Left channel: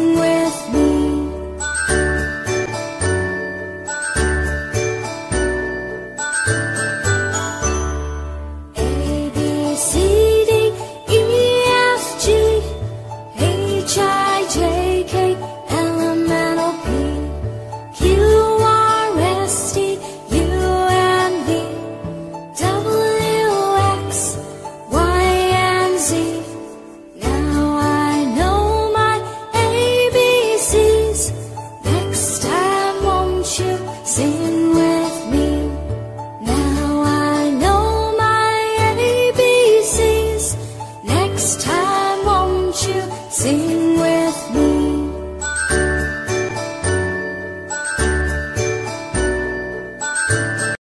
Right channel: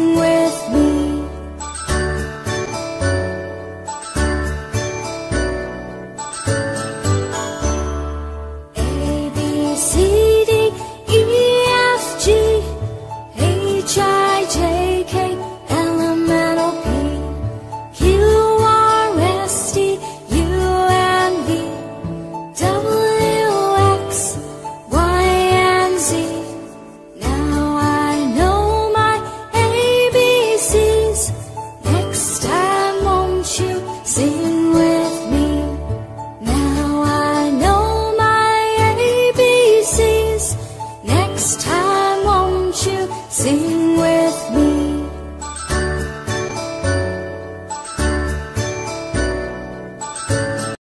sing with me. A, B, C, D, E, F, G, H, I, J, K, L, M, N, O, P, Q, R, S, T, U, and V, W, X, Y, and Z. Now I know my ABCs. Next time won't you sing with me? Now I know my ABCs. Next time won't you sing with me?